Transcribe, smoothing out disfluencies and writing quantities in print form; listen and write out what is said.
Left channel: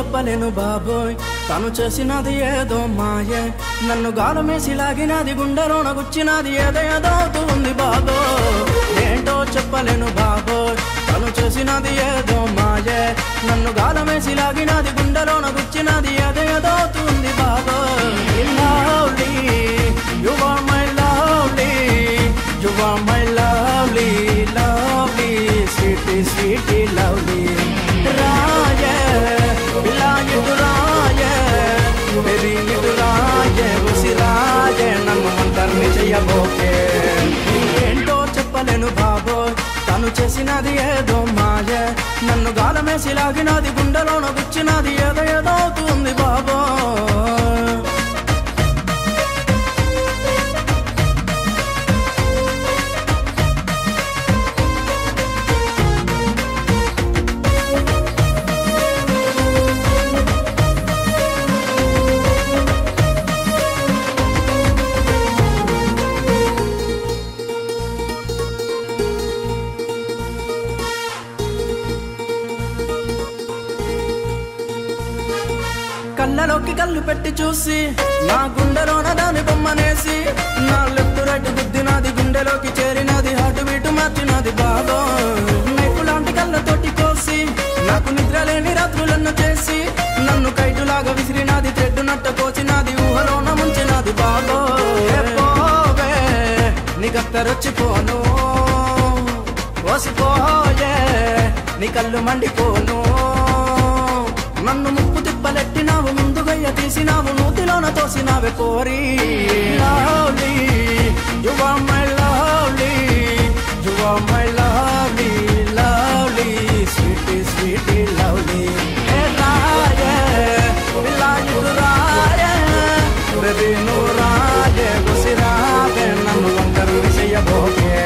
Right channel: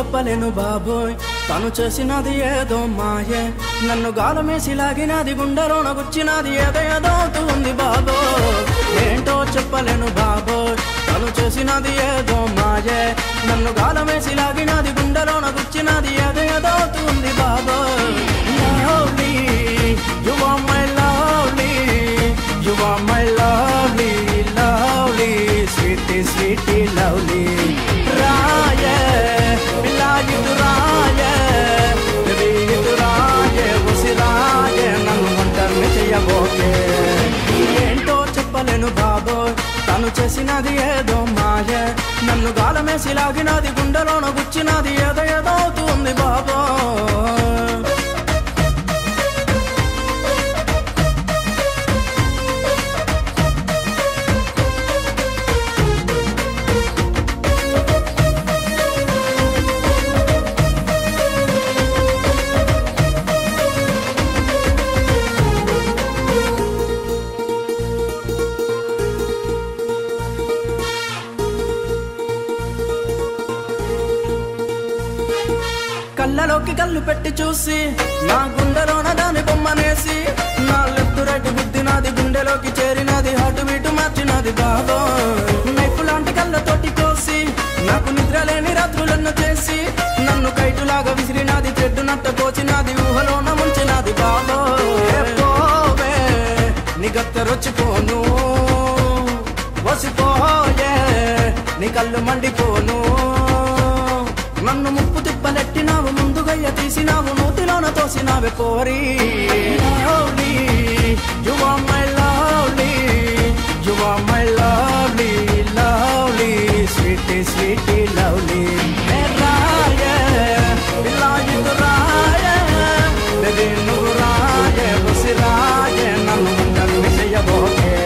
చెప్పలేను బాబోయ్ తను చేసినది ఏదో మాయే నన్ను గాలమేసి లాగినది గుండెలోన గుచ్చినది ఏదో ఏదో అవుతుంది బాబోయ్ ఏంటో చెప్పలేను బాబోయ్ తను చేసినది ఏదో మాయే నన్ను గాలమేసి లాగినది గుండెలోన గుచ్చినది ఏదో ఏదో అవుతుంది బాబోయ్ lovely you are my lovely you are my lovely lovely sweetie sweetie lovely రాయే బిలాయి రాయే తెరీ రాయే ఉసిరాయే నన్ను ఒంటరిని చెయ్యబోకే ఏంటో చెప్పలేను బాబోయ్ తను చేసినది ఏదో మాయే నన్ను గాలమేసి లాగినది గుండెలోన గుచ్చినది ఏదో ఏదో అవుతుంది బాబోయ్ కళ్ళలోకి కళ్ళు పెట్టి చూసి నా గుండెలోన దాని బొమ్మనేసి నా లెఫ్ట్ రైట్ గుద్దినది గుండెలోకి చేరినది హాటు బీటు మార్చినది బాబా నైఫ్ లాంటి కళ్ళతోటి కోసి నాకు నిద్ర లేని రాత్రులను చేసి నన్ను కైటులాగా విసిరినది థ్రెడ్ నట్ట కోసినది ఊహలోన ముంచినది బాబా నీకత్తరొచ్చిపోను వసిపోయే నీ కళ్ళు మండిపోను నన్ను ముప్పు తిప్పలెట్టినావు ముందుగయ్య తీసినావు నూతిలోన తోసినావే పోరి lovely you are my lovely you are my lovely lovely sweetie sweetie lovely రాయే బిలాయి రాయే బేబీ నువ్వు రాయే ఉసిరాయే నన్ను ఒంటరిని చెయ్యబోకే